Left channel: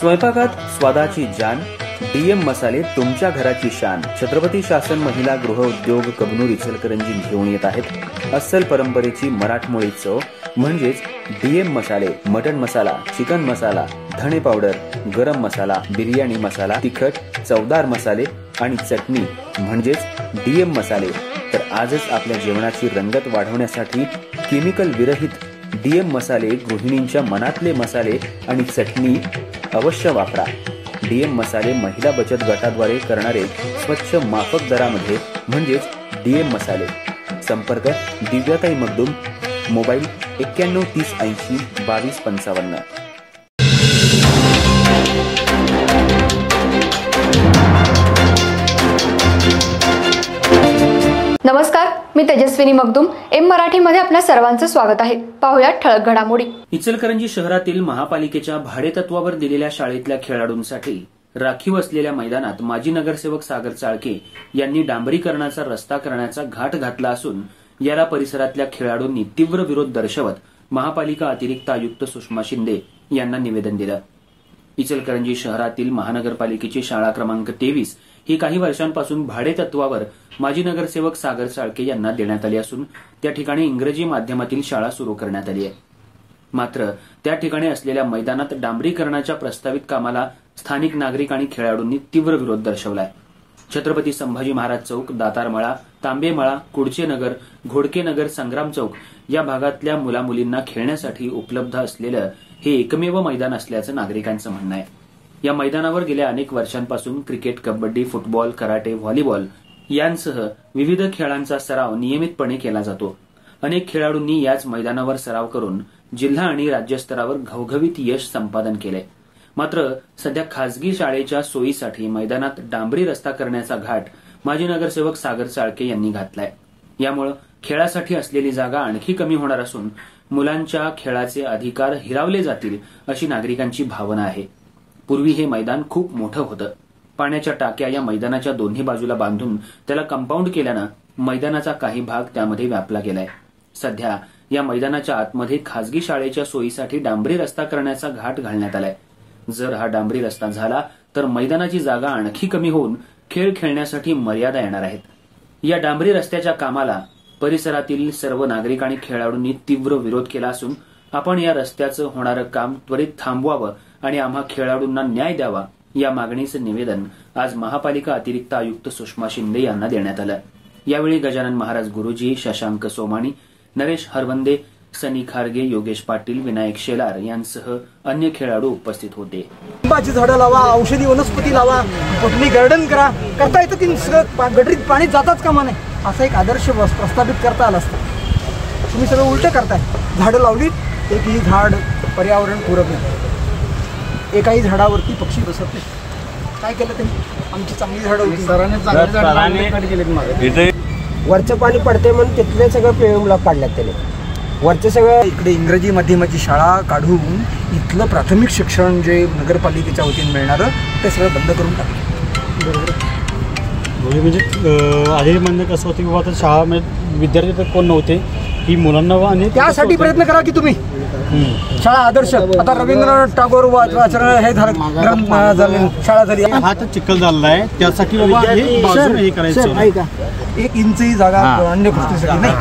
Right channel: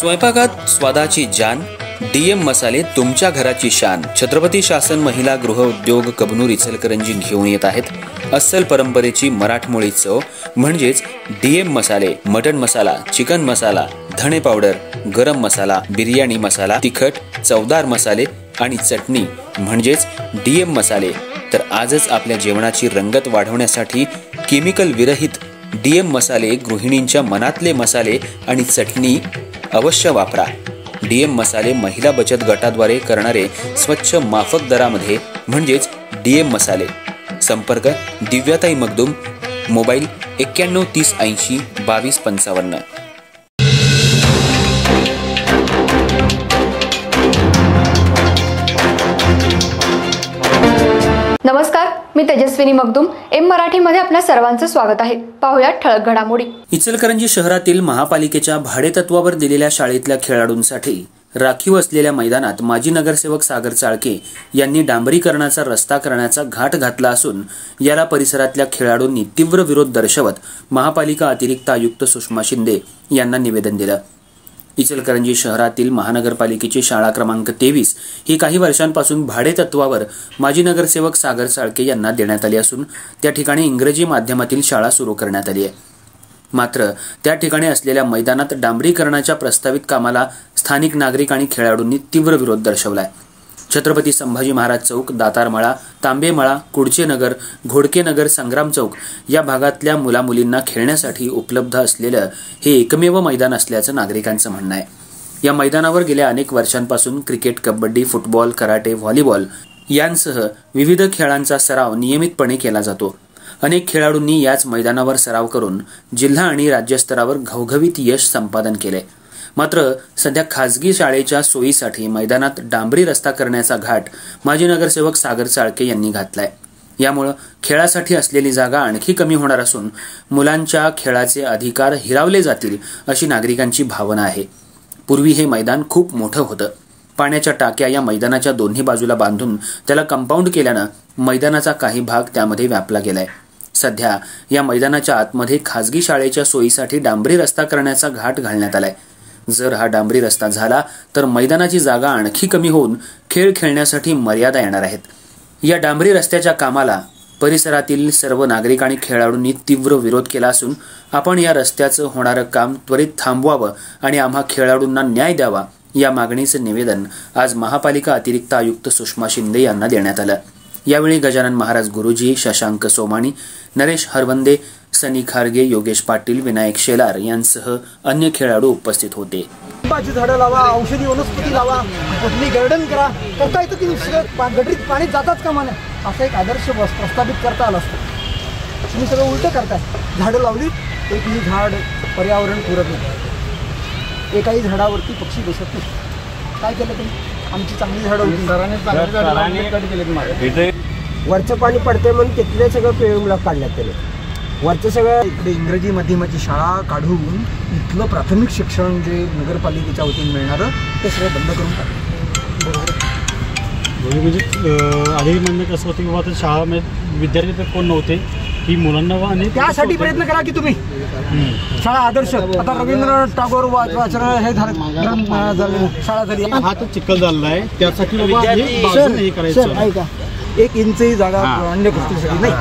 स्वयंपाकात स्वादाची जान, डीएम मसाले तुमच्या घराची शान। छत्रपती शासन महिला गृह उद्योग कबनूर इचलकरंजी घेऊन येत आहेत अस्सल परंपरेची मराठमोळी चव म्हणजेच डीएम मसाले। मटन मसाला, चिकन मसाला, धणे पावडर, गरम मसाला, बिर्याणी मसाला, तिखट, चवदार मसाले आणि चटणी म्हणजेच डीएम मसाले। तर आजच आपल्या जेवणाची रंगत वाढवण्यासाठी केमिकल विरहित डीएम मसाले, गृहिणींच्या मनातले मसाले आणि चटणी अवश्य वापरा। डीएम मसाले महिला बचत गटाद्वारे करणारे स्वच्छ माफक दरामध्ये म्हणजेच डीएम मसाले। संपर्क दिव्याताई मगदूम, मोबाईल 91 30 80 22 55। नमस्कार, मी तेजस्विनी मगदूम। एम मराठीमध्ये आपल्या सर्वांचं स्वागत आहे। पाहूया ठळक घडामोडी। इचलकरंजी शहरातील महापालिकेच्या भाडेतत्वावर दिलेल्या शाळेतल्या खेळाडूंसाठी राखीव असलेल्या मैदानात माजी नगरसेवक सागर चाळके यांनी डांबरीकरणाचा रस्ता करण्याचा घाट घातला असून याला परिसरातल्या खेळाडूंनी तीव्र विरोध दर्शवत महापालिका अतिरिक्त आयुक्त सुषमा शिंदे यांना निवेदन दिलं। इचलकरंजी शहरातील महानगरपालिकेची शाळा क्रमांक 23 ही काही वर्षांपासून भाडेतत्वावर माजी नगरसेवक सागर चाळके यांना देण्यात आली असून त्या ठिकाणी इंग्रजी माध्यमातील शाळा सुरू करण्यात आली आहे। मात्र त्या ठिकाणी असलेल्या मैदानात डांबरीकरणाच्या प्रस्तावित कामाला स्थानिक नागरिक आणि खेळाडूंनी तीव्र विरोध दर्शवलाय। छत्रपती संभाजी महाराज चौक, दातारमळा, तांबेमळा, कुडचे नगर, घोडके नगर, संग्राम चौक या भागातल्या मुलामुलींना खेळण्यासाठी उपलब्ध असलेलं हे एकमेव मैदान असल्याचं नागरिकांचं म्हणणं आहे। या मैदानावर गेल्या अनेक वर्षांपासून cricket, kabaddi, football, karate, volleyball यांसह विविध खेळांचा सराव नियमितपणे केला जातो। अनेक खेळाडूंनी याच मैदानावर सराव करून जिल्हा आणि राज्यस्तरावर घवघवीत यश संपादन केले। मात्र सध्या खासगी शाळेच्या सोयीसाठी मैदानात डांबरी रस्ता करण्याचा घाट माजी नगरसेवक सागर चाळके यांनी घातलाय। यामुळे खेळासाठी असलेली जागा आणखी कमी होणार असून मुलांच्या खेळाचे अधिकार हिरावले जातील अशी नागरिकांची भावना आहे। पूर्वी हे मैदान खूप मोठं होतं। पाण्याच्या टाक्या या मैदानाच्या दोन्ही बाजूला बांधून त्याला कंपाऊंड केल्यानं मैदानाचा काही भाग त्यामध्ये व्यापला गेलाय। सध्या या मैदानाच्या आतमध्ये खासगी शाळेच्या सोयीसाठी डांबरी रस्ता करण्याचा घाट घालण्यात आलाय। जर हा डांबरी रस्ता झाला तर मैदानाची जागा आणखी कमी होऊन खेळ खेळण्यासाठी मर्यादा येणार आहेत। या डांबरी रस्त्याच्या कामाला परिसरातील सर्व नागरिक आणि खेळाडूंनी तीव्र विरोध केला असून आपण या रस्त्याचं होणारं काम त्वरित थांबवावं आणि आम्हा खेळाडूंना न्याय द्यावा या मागणीचं निवेदन आज महापालिका अतिरिक्त आयुक्त सुषमा शिंदे यांना देण्यात आलं। यावेळी गजानन महाराज गुरुजी, शशांक सोमाणी, नरेश हरवंदे, सनी खारगे, योगेश पाटील, विनायक शेलार यांसह अन्य खेळाडू उपस्थित होते। आंब्याची झाडं लावा, औषधी वनस्पती लावा, बटनी गार्डन करता येतं की गटरीत पाणी जाताच कामा नये असा एक आदर्श प्रस्थापित करता आला असतं। तुम्ही सगळं उलटं करताय। झाडं लावली, एकही झाड पर्यावरण पुरत नाही, एकाही झाडावरती पक्षी बसत नाही। काय केलं त्यांनी? आमची चांगली झाडं होती, सरांनी कट केले। वरचं पाणी पडते म्हणून तिथले सगळं पेळूला काढल्यात त्याने। वरचं सगळं इकडे इंग्रजी माध्यमाची शाळा काढून इथलं प्राथमिक शिक्षण जे नगरपालिकेच्या वतीने मिळणारं ते सगळं बंद करून टाकलं। बरोबर, म्हणजे आधी म्हणणं कसं होतं की बाबा आता शाळा विद्यार्थी तर कोण नव्हते की मुलांना आणि त्यासाठी प्रयत्न करा की तुम्ही शाळा आदर्श। आता रवींद्रनाथ टागोर हे शाळा झाली, हा तर चिखल झालेला आहे, त्यासाठी बाबा हे करायचं एक इंचही जागा अन्य गोष्टीसाठी नाही।